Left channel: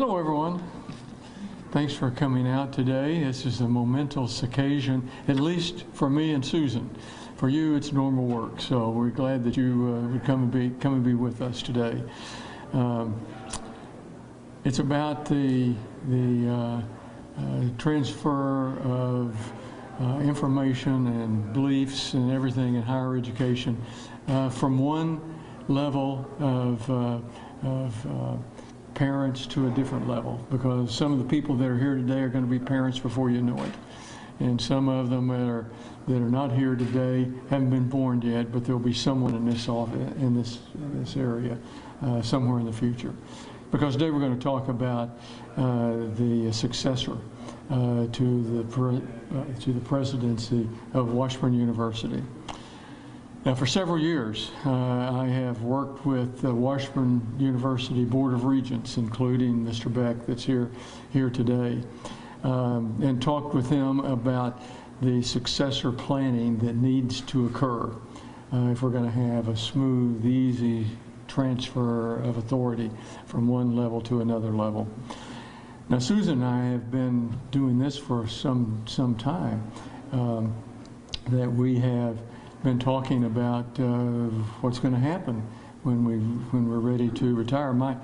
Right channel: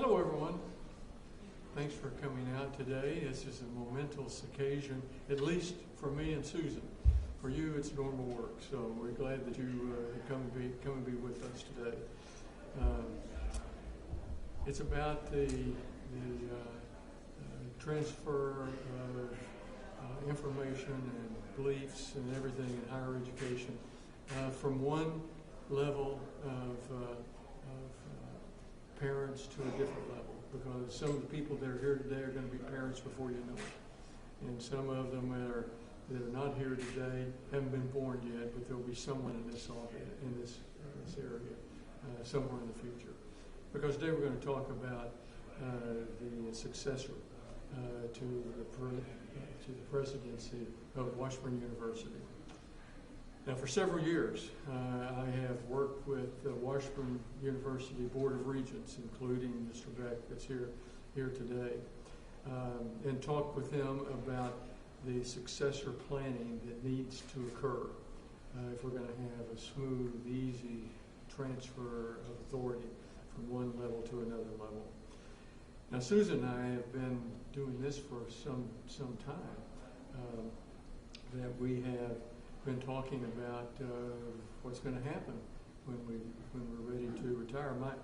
Hello, everyone. Thanks for coming out today. This is a momentous occasion, at least for me and Susan. For you, it's normal work, so we're glad that you would come and be with us today. It's about the transfer of information and beliefs and everything in higher education from one level of parents to a different level, because some of the people that are here today are going to be parents before you know it, and some of them that are not here today haven't been born yet, but there'll be someone in this area somewhere in the future. Because today we're going to talk about the successor to the presidency of Washburn University. Now, for several years, I have worked with the Washburn University Board of Regents, including Mr. Beck, that's here today, and talked with them about the successor planning that needs to occur if we're going to have a smooth, easy transfer of authority from one level to another level. Now, Susan and I have been doing this for some time, that we have been talking about what's going to happen when we're ready to retire. My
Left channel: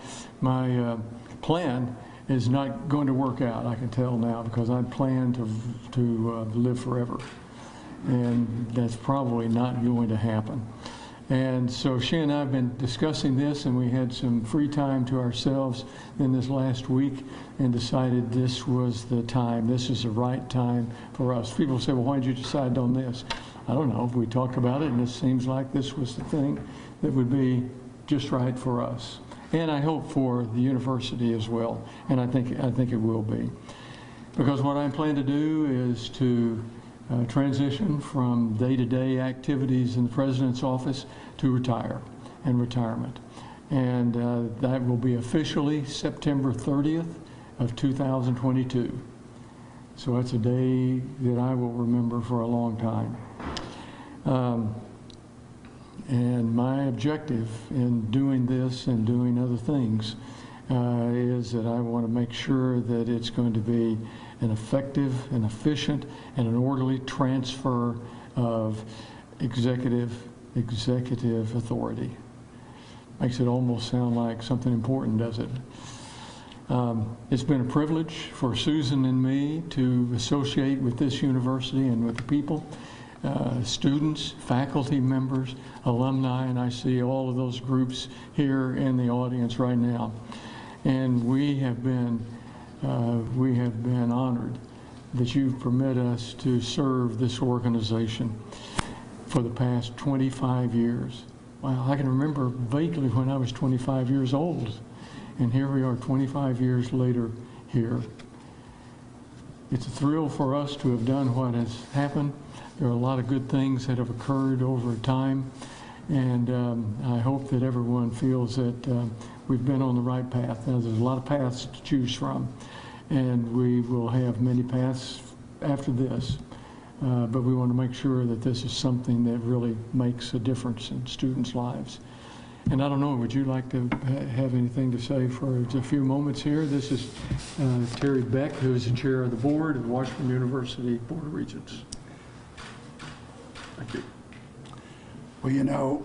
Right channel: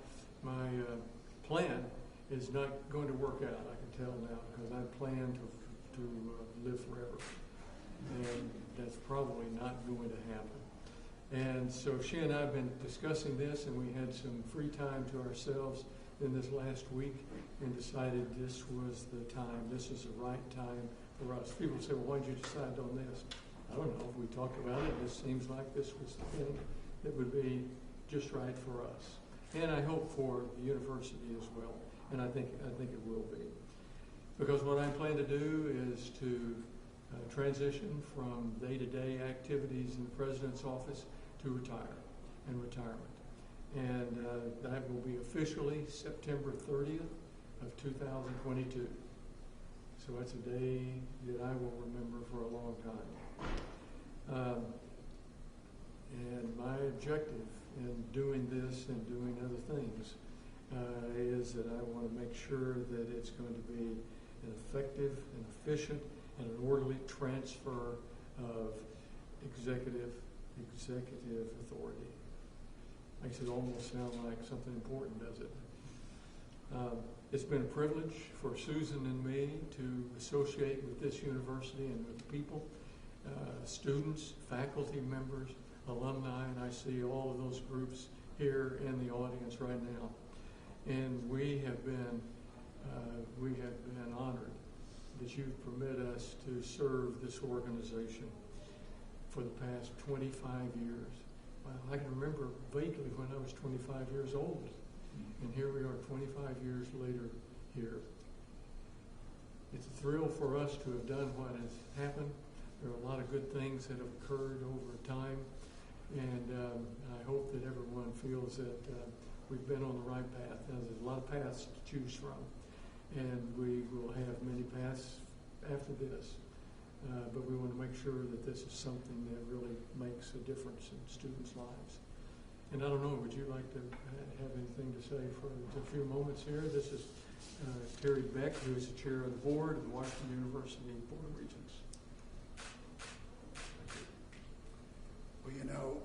plan is not going to work out, I can tell now, because I plan to live forever, and that's probably not going to happen. And so she and I have been discussing this, and we had some free time to ourselves in this last week and decided this was the time, this is the right time for us. People say, well, why did you decide on this? I don't know. We talked about it, and it seems like this was the thing that would be just right for us. And I hope for the university as well, and I think it will be. Because what I plan to do is to transition from day-to-day activities in the president's office to retirement. And that will be officially September 30th of 2022. So that's a day that I will remember for a long time. And my objective in doing this and doing other things is that I want to make sure that it's going to be an effective and efficient and an orderly transfer of executive authority. Makes it almost sound like something important, does it? It's been a privilege for Susan and me to associate with this university and with the people, students, faculty members, alumni, and I see all of those groups here in the audience right now. And we have been honored that you permit us to serve this organization for the past 25 years. Well, I can remember vaguely when I was 25 years old, and here we are 25 years later here. It's a thrill for us to have done what has happened. There are a lot of good things that have occurred over time, and I hope that everyone feels that we've been on the right path. Now, there's a lot of paths to choose from, and we will have many paths after this, but we want to make sure that this is something that really makes a difference in students' lives. And I don't know, would you like to have anything to say for a few moments here? This is Terry Beck, who is the chair of the board of Washburn University Board of Regents. Thank you. Well, you know,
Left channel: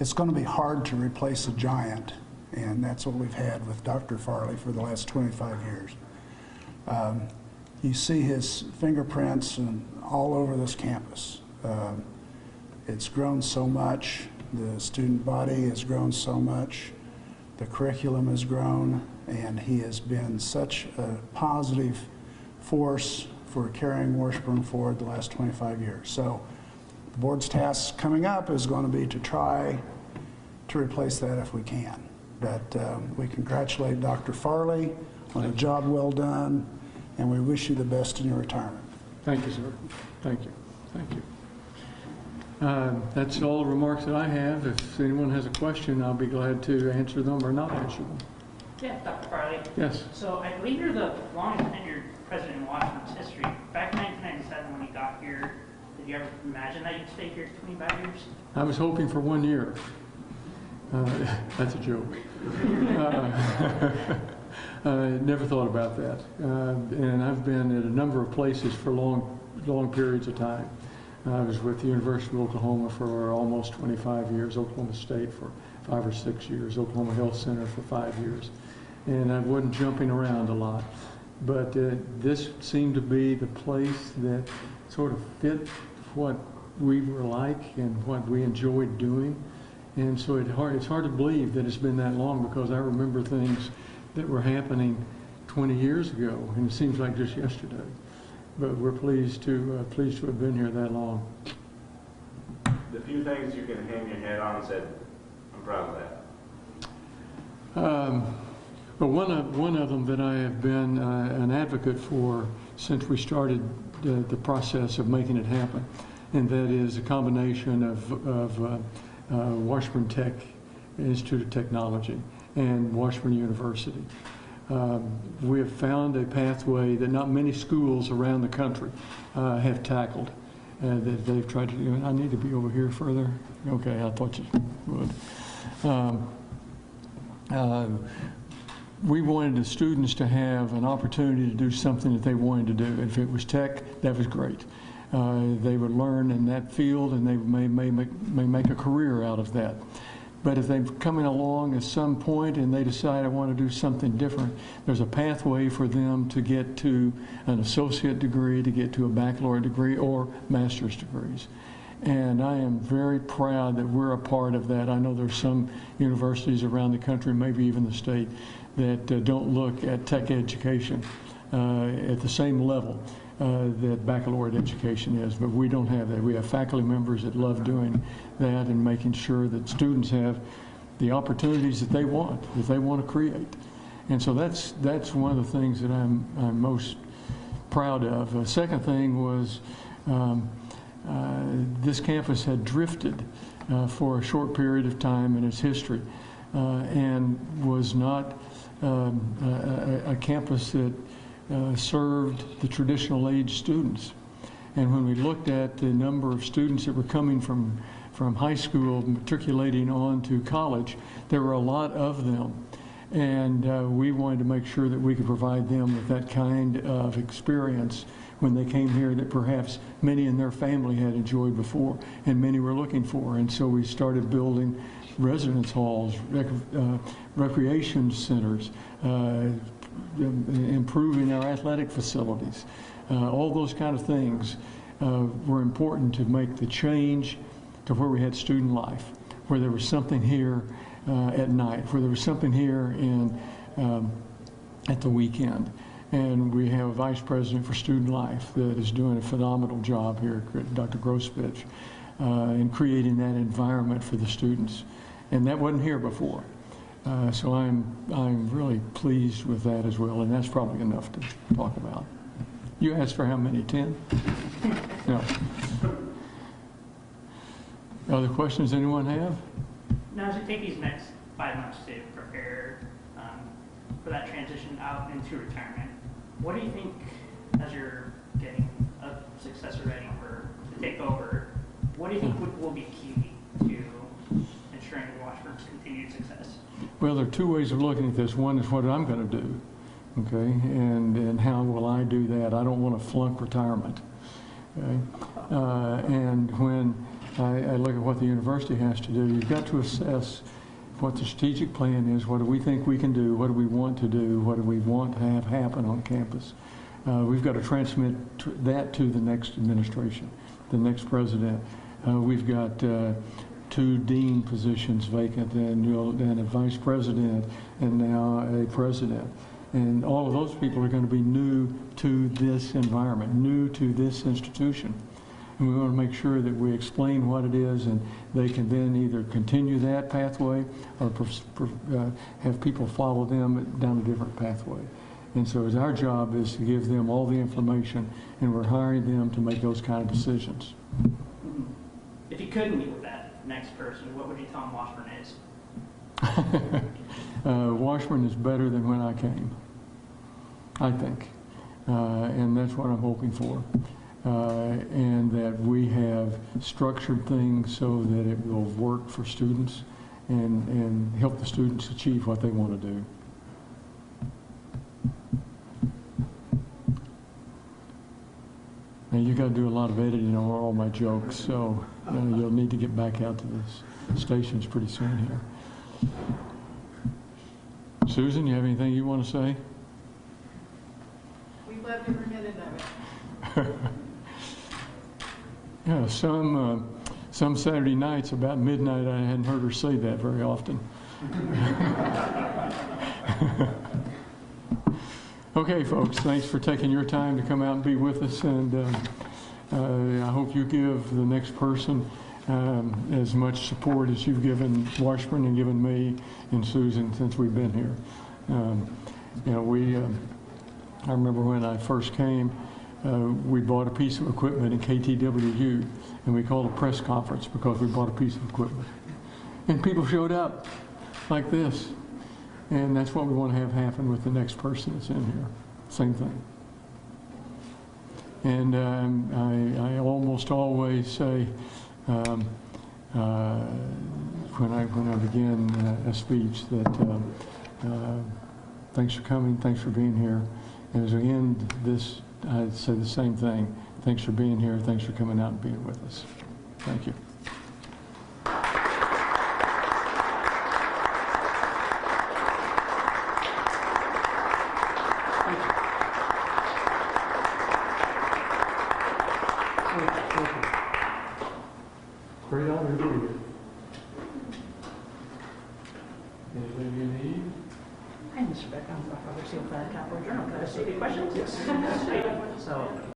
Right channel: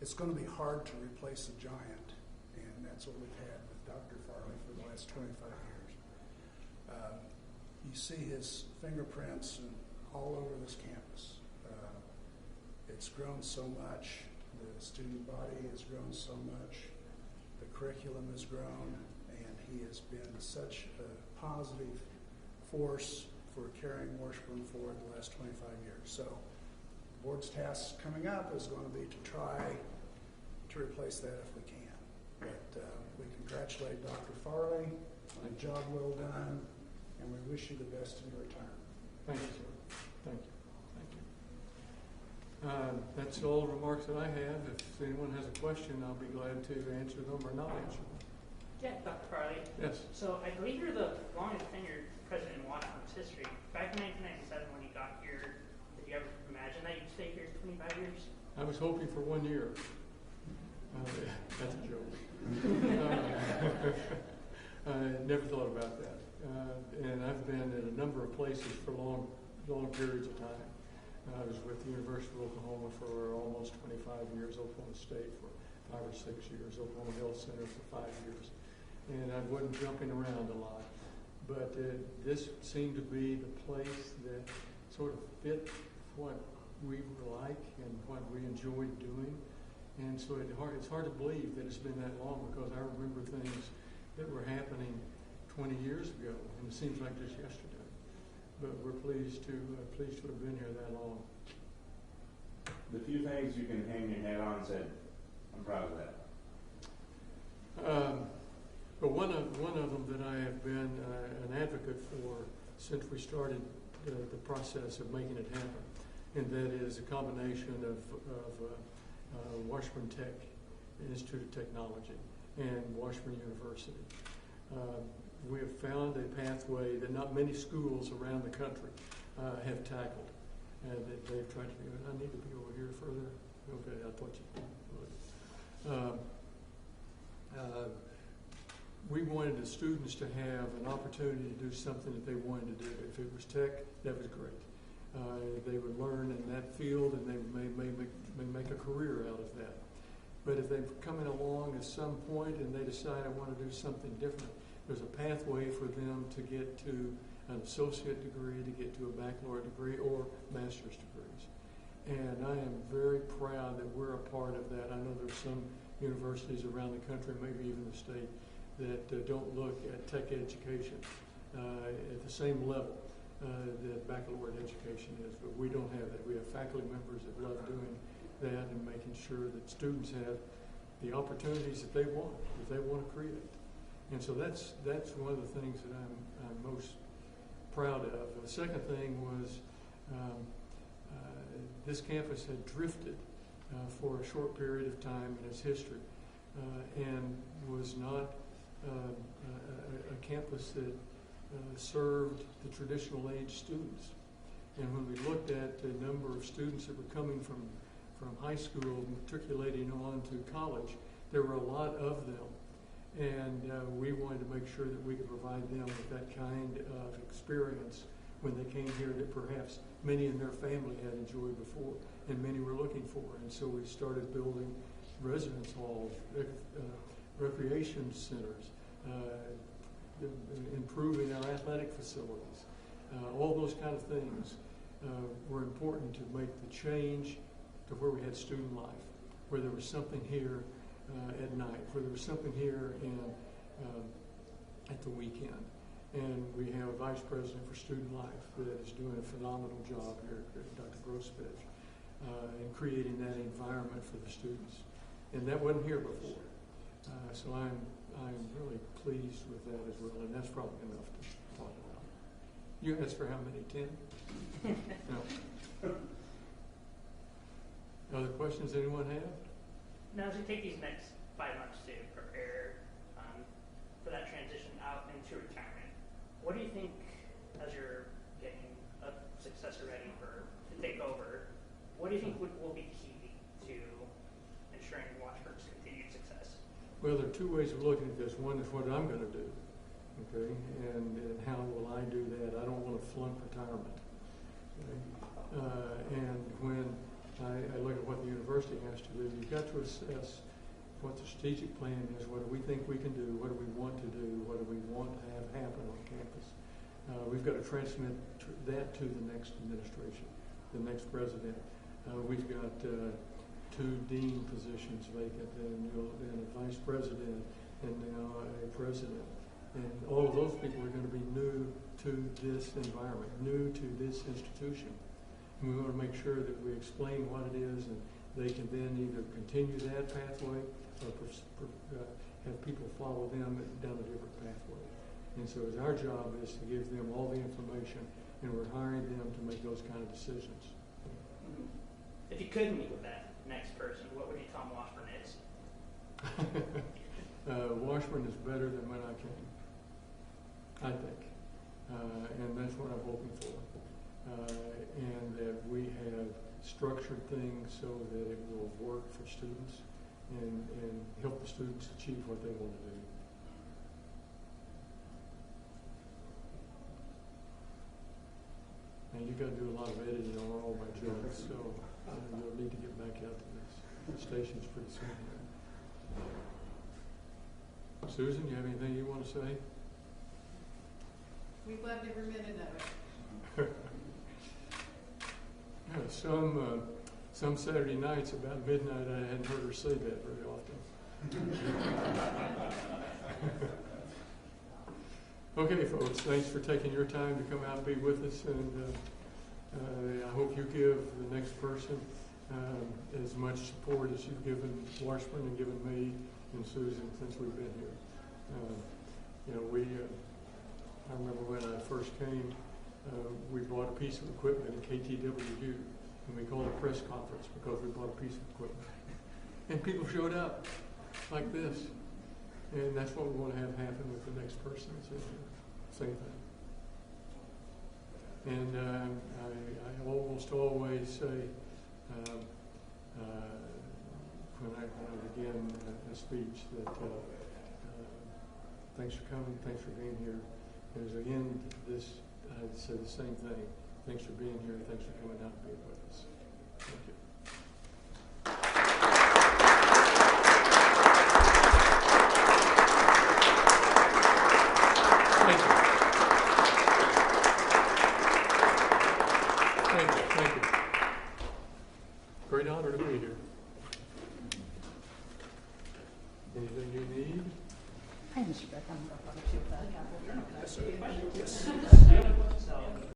it's going to be hard to replace a giant, and that's what we've had with Dr. Farley for the last 25 years. You see his fingerprints all over this campus. It's grown so much. The student body has grown so much. The curriculum has grown, and he has been such a positive force for carrying Washburn forward the last 25 years. So the board's task coming up is going to be to try to replace that if we can. But we congratulate Dr. Farley on a job well done, and we wish you the best in your retirement. Thank you, sir. Thank you. Thank you. That's all the remarks that I have. If anyone has a question, I'll be glad to answer them or not answer them. Yeah, Dr. Farley. Yes. So I believe you're the longest tenured president in Washington's history. Back in 1997 when you got here, did you ever imagine that you'd stay here 25 years? I was hoping for 1 year. That's a joke. Never thought about that. And I've been at a number of places for long periods of time. I was with the University of Oklahoma for almost 25 years, Oklahoma State for 5 or 6 years, Oklahoma Health Center for 5 years. And I wasn't jumping around a lot. But this seemed to be the place that sort of fit what we were like and what we enjoyed doing. And so it's hard to believe that it's been that long, because I remember things that were happening 20 years ago, and it seems like just yesterday. But we're pleased to have been here that long. The few things you can hang your head on and said, I'm proud of that. But one of them that I have been an advocate for since we started the process of making it happen, and that is a combination of Washburn Tech Institute of Technology and Washburn University. We have found a pathway that not many schools around the country have tackled, that they've tried to do. I need to be over here further. Okay, I thought you would. We wanted the students to have an opportunity to do something that they wanted to do. If it was tech, that was great. They would learn in that field, and they may make a career out of that. But if they've coming along at some point and they decide I want to do something different, there's a pathway for them to get to an associate degree, to get to a baccalaureate degree or master's degrees. And I am very proud that we're a part of that. I know there's some universities around the country, maybe even the state, that don't look at tech education at the same level that baccalaureate education is, but we don't have that. We have faculty members that love doing that and making sure that students have the opportunities that they want to create. And so that's one of the things that I'm most proud of. The second thing was this campus had drifted for a short period of time in its history and was not a campus that served the traditional age students. And when we looked at the number of students that were coming from high school matriculating on to college, there were a lot of them. And we wanted to make sure that we could provide them with that kind of experience when they came here that perhaps many in their family had enjoyed before and many were looking for. And so we started building residence halls, recreation centers, improving our athletic facilities. All those kind of things were important to make the change to where we had student life, where there was something here at night, where there was something here at the weekend. And we have a vice president for student life that is doing a phenomenal job here, Dr. Grosvich, in creating that environment for the students. And that wasn't here before. So I'm really pleased with that as well, and that's probably enough to talk about. You asked for how many? 10? No. Other questions anyone have? Now, as you take these next 5 months to prepare for that transition out into retirement, what do you think, as you're getting a successor ready to take over, what do you think will be key to ensuring Washburn's continued success? Well, there are two ways of looking at this. One is what I'm going to do, okay, and how will I do that? I don't want to flunk retirement, okay? And when I look at what the university has to do, you've got to assess what the strategic plan is. What do we think we can do? What do we want to do? What do we want to have happen on campus? We've got to transmit that to the next administration, the next president. We've got 2 dean positions vacant, and a vice president, and now a president. And all of those people are going to be new to this environment, new to this institution. And we want to make sure that we explain what it is, and they can then either continue that pathway or have people follow them down a different pathway. And so our job is to give them all the information, and we're hiring them to make those kind of decisions. If you could meet with that next person, what would you tell them Washburn is? Washburn is better than when I came, I think. And that's what I'm hoping for. And that we have structured things so that it will work for students and help the students achieve what they want to do. and you got to do a lot of editing on all my jokes, so you'll need to get back out to the stations pretty soon here. Susan, you have anything you want to say? We've loved every minute of it. Yeah, some Saturday nights about midnight, I hadn't heard her say that very often. Okay, folks, thanks for taking your time to come out and be with us, and I hope you give the next person as much support as you've given Washburn and given me and Susan since we've been here. You know, I remember when I first came, we bought a piece of equipment in KTWU, and we called a press conference because we bought a piece of equipment. And people showed up like this. And that's what we want to have happen with the next person that's in here. Same thing. And I almost always say, when I begin a speech, that thanks for coming, thanks for being here. And as we end this, I'd say the same thing. Thanks for being here, thanks for coming out and being with us. Thank you. Thank you. Thank you. Great honor to be here. Anything you need? Hi, Mr. Beck. I'm Dr. Seal, Fire Capital Journal. Can I ask you a question? Yes. So,